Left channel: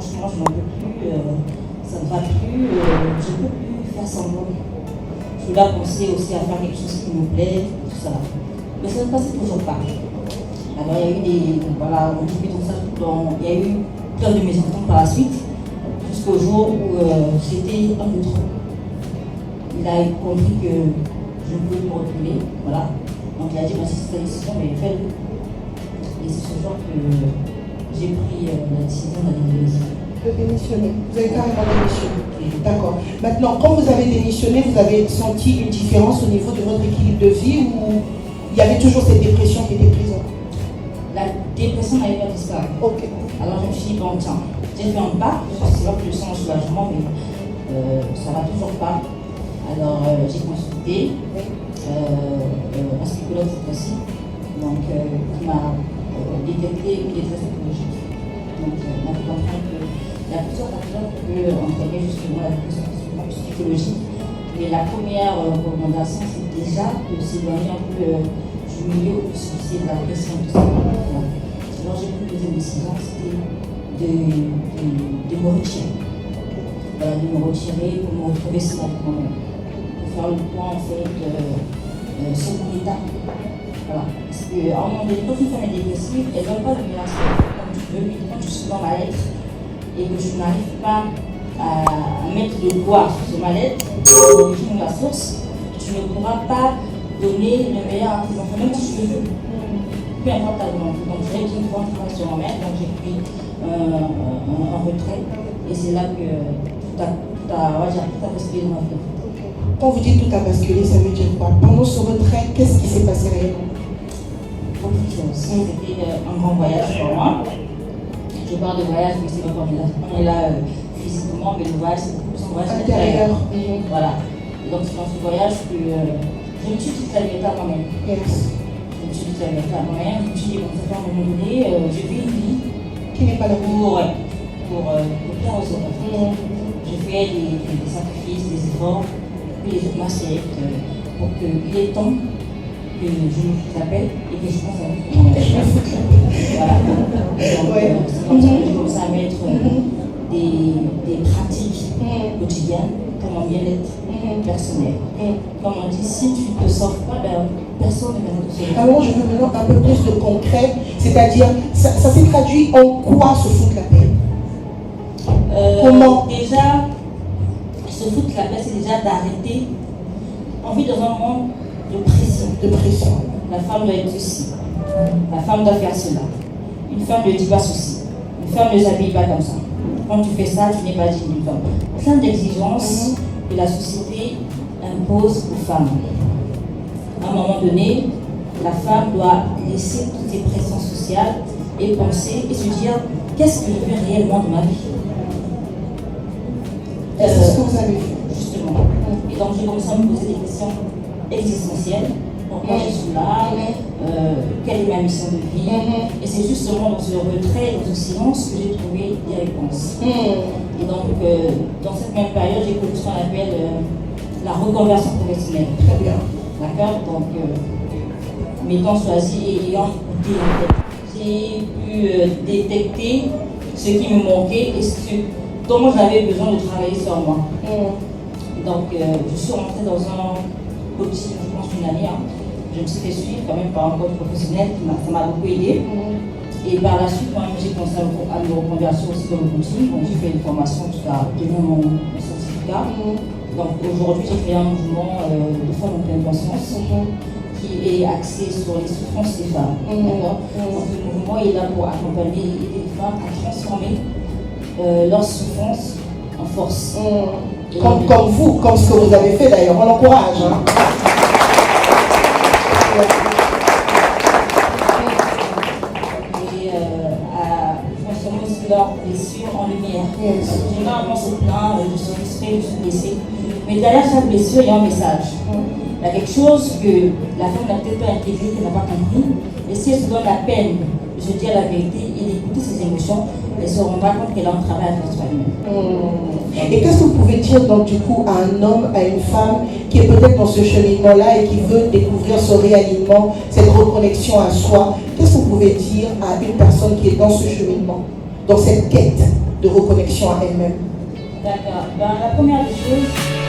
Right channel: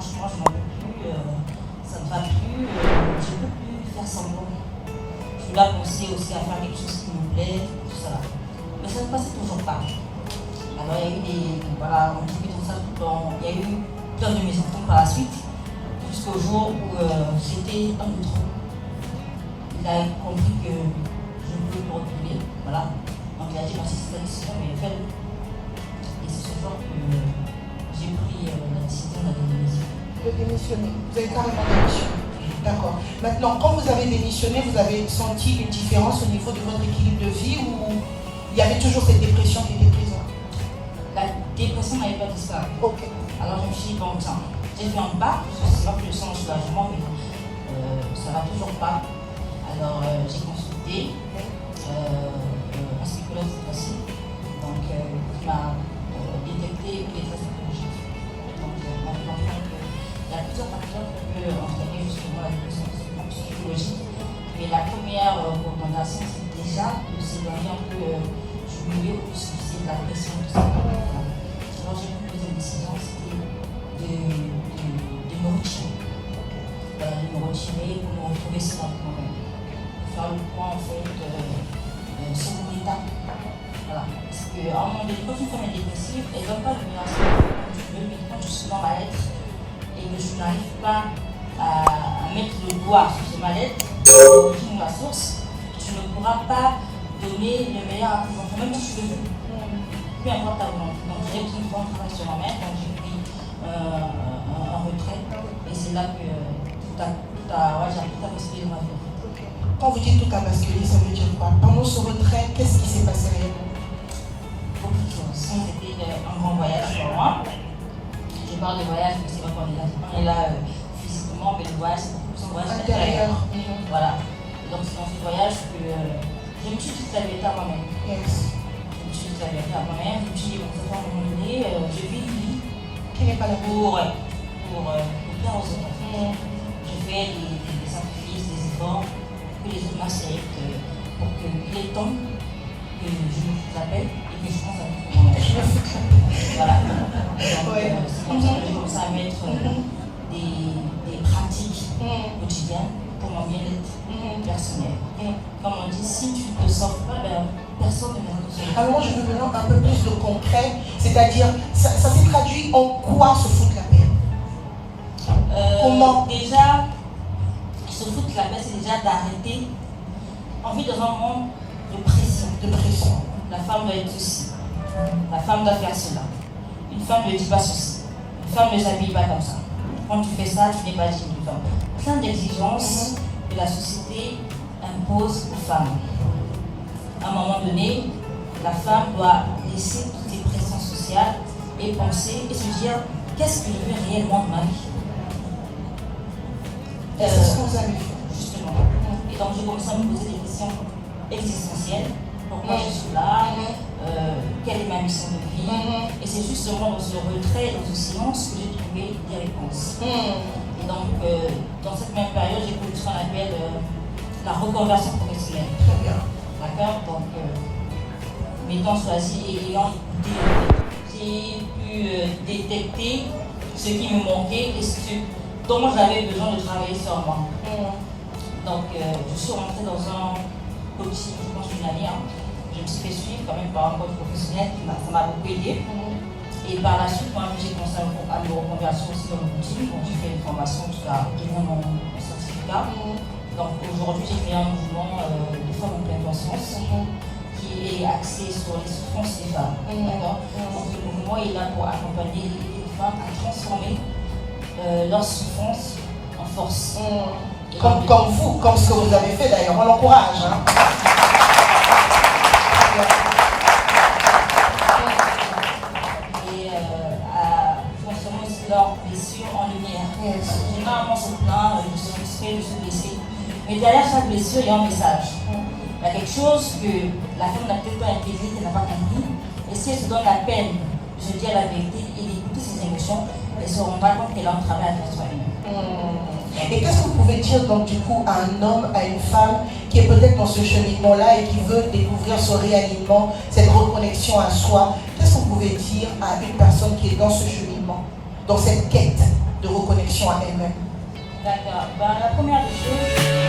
franchement, je n'en peux plus, ça ne va plus, je ne peux plus faire semblant. Je dois penser aussi à faire quelque chose qui me plaît, tout ça. Mais ça ne passait toujours pas. Alors il y a eu des, voilà, on dit tout ça, il y a eu plein de mes enfants par la suite, jusqu'au jour où c'était un peu trop. Il a compris que je ne peux me retrouver, voilà. Donc il a dit, c'est cette décision, mais faites. Et c'est ce jour que j'ai pris la décision de démissionner. Vous avez carrément démissionné. D'accord. Maintenant, quand vous avez démissionné, vous avez senti une différence au niveau de votre équilibre de vie ou il y avait toujours cette dépression qui était présente? La dépression n'avait pas disparu. Ok. Alors je me suis dit, bon, tiens, j'ai fait un pas, c'est là que je sens un soulagement, mais ça ne va toujours pas. Alors j'ai consulté un psychologue cette fois-ci, donc qui m'a détecté une détresse psychologique. Donc on a pu comprendre qu'il y a plusieurs facteurs qui peuvent entraîner justement la dépression psychologique. Et la première recommandation, c'est déjà de s'éloigner un peu du milieu où c'est de la pression, tout ça. Alors j'ai pris une décision, c'était de me retirer. De me retirer pour me retrouver sur moi-même. Faire le point en fait sur mon état. Voilà. Parce qu'à un moment donné, quand une femme est dépressive, elle ne donne pas le meilleur comme tu veux, mais quand je suis dans ma lettre et que je n'arrive pas à mettre le doigt sur ma lettre, sur ma source, tu ne pourras pas donner le meilleur à tes enfants, même si tu le veux. Peu importe ta volonté. Donc j'ai pris une fois un travail sur moi-même, donc j'ai pris un retrait et c'est là que tout a basculé dans ma vie. Quand vous dites tout a basculé, ça veut dire quoi? Pendant ce retrait, qu'est-ce qui s'est passé réellement? Beaucoup de choses. C'était un grand voyage pour moi. Je parle de voyage, mais c'est pas on est là physiquement, mais le voyage, c'est plus un voyage intérieur. Voilà. Et donc c'est dans ce voyage que je me suis dit la vérité à moi-même. Yes. Je me suis dit la vérité à moi-même. Je me suis dit, bon, ça fait un moment donné, je vis une vie qui n'est pas la pour faire aux autres. Je fais des sacrifices, des efforts, que les autres m'acceptent, pour qu'il est temps que je vous appelle et que je pense à vous. Voilà. Donc, je commence à mettre des pratiques quotidiennes pour mon bien-être personnel. Comme on dit, si tu ne te sauves pas, personne ne va te sauver. Alors, je veux maintenant un peu plus de concret, c'est-à-dire, ça s'est traduit en quoi se foutre la paix? Comment? Déjà, se foutre la paix, c'est déjà d'arrêter. On vit dans un monde de pression. La femme doit être ceci. La femme doit faire cela. Une femme ne dit pas ceci. Une femme ne s'habille pas comme ça. Quand tu fais ça, tu n'es pas digne d'une femme. Plein d'exigences que la société impose aux femmes. À un moment donné, la femme doit laisser toutes les pressions sociales et penser et se dire qu'est-ce que je veux réellement dans ma vie. C'est ce que vous avez fait. Justement. Et donc j'ai commencé à me poser des questions existentielles. Pourquoi je suis là? Quelle est ma mission de vie? Et c'est justement dans ce retrait, dans ce silence que j'ai trouvé des réponses. Et donc, dans cette même période, j'ai connu ce qu'on appelle la reconversion professionnelle. Très bien. D'accord? Donc, m'étant choisi et ayant écouté, j'ai pu détecter ce qui me manquait et dont j'avais besoin de travailler sur moi. Donc, je suis rentrée dans un coaching, je pense, une année. Je me suis fait suivre quand même par un coach professionnel qui m'a beaucoup aidé. Et par la suite, moi, j'ai commencé à me reconvertir aussi dans le coaching. Donc, j'ai fait une formation jusqu'à obtenir mon certificat. Donc, aujourd'hui, j'ai créé un mouvement de femmes en pleine conscience qui est axé sur les souffrances des femmes. Donc, ce mouvement est là pour accompagner les femmes à transformer leurs souffrances en force. Comme vous, comme ce que vous avez fait d'ailleurs, on l'encourage. Et à transformer aussi leurs blessures en lumière. Généralement, c'est plein, je suis satisfait, je suis blessée. Mais derrière chaque blessure, il y a un message. Il y a quelque chose que la femme n'a peut-être pas intégré, qu'elle n'a pas compris. Et si elle se donne la peine de se dire la vérité et d'écouter ses émotions, elle se rendra compte qu'elle a un travail à faire sur elle-même. Et qu'est-ce que vous pouvez dire donc du coup à un homme, à une femme qui est peut-être dans ce cheminement-là et qui veut découvrir ce réalignement, cette reconnexion à soi? Qu'est-ce que vous pouvez dire à une personne qui est dans ce cheminement, dans cette quête? de reconnexion à elle-même? D'accord. Ben, la première des choses,